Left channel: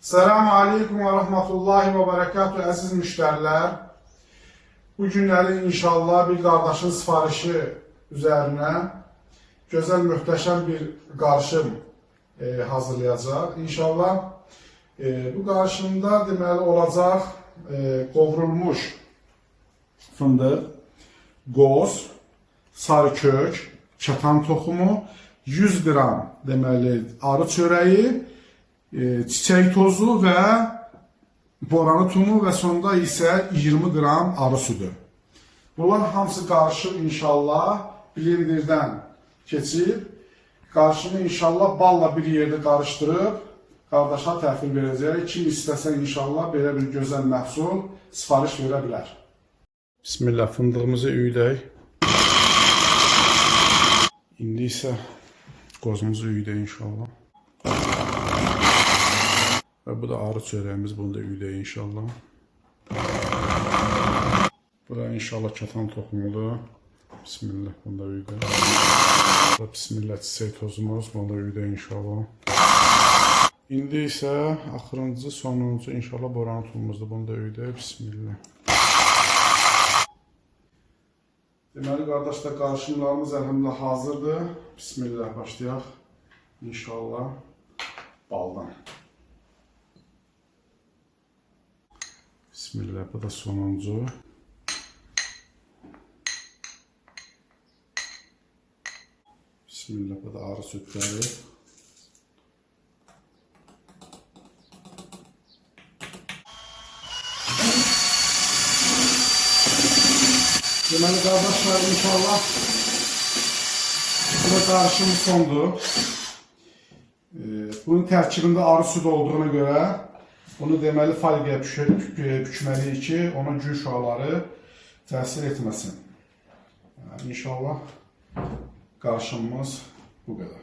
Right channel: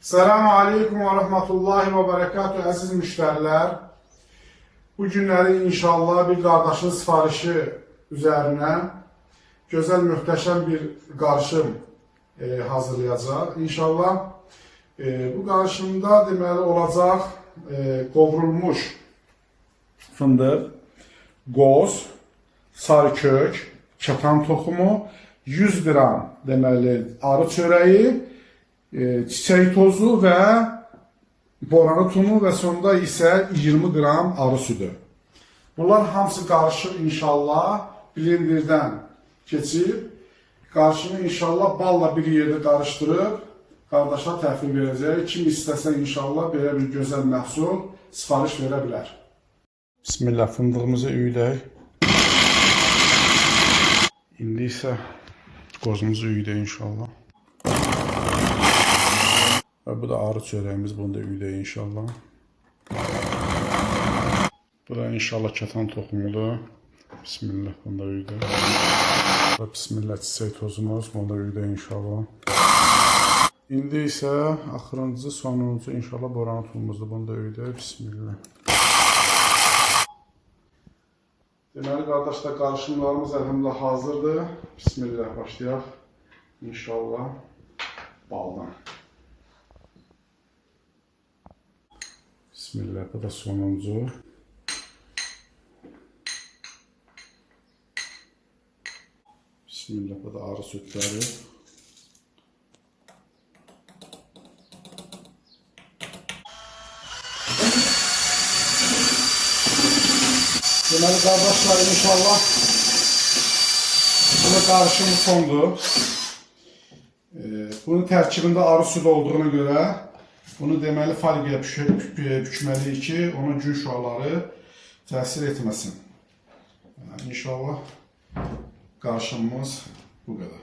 Selamun Aleyküm ve Rahmetullahi ve Berekatuhu əziz müştərilər. Bu günləri inşallah bir qardaşın sifarişi üzərinə gözəl, möhtəşəm bir qarışım hazırlayacaq. İnşallah bu qarışımda deməli olacaq qovrulmuş fındıq, qoz, sarı kök, kətan toxumu, 100 qram deməli arı çörəyi, çiçək tozu və boranı tumu və sonunda isə 20 qram arı südü. Bunlar hamısı qarışıq inşallah blenderdən keçib, qarışımı inşallah balla bir yerdə qarışdırıb qardaşa təhvil verəcək. Kim istəsə inşallah belə bir gözəl məhsul sifariş verə bilər. Bismillah, fındığımızı üyülək. İndi isə qozumuzu üyülək inşallah. Və bu da arı çörəyimiz, bunu da üyülək inşallah. Bu da inşallah kətan toxumudur. Bismillah, bunu da üyülək. Bu da bismillah çiçək tozumuz, bunu da üyülək inşallah. İndi isə axırıncı, sonuncu inşallah boranı tulumuzdur, bunu da üyülək. Bismillah. Deməli qardaşlar, qarışımlarımız əlhamdülillah hazırdır. Bismillah, başlayaq. İnşallah baldan. Bismillah, bu da sonuncu. Bismillah, bu da arı sütləri. Deməli qardaşlar, inşallah bu qarışım sondur. Bunun tərkibində arı süd olduğuna görə bunu deməli folqaya bükməliyik ki, onun gün şüaları təsir etməsin. İnşallah qarışımımız bu qədər.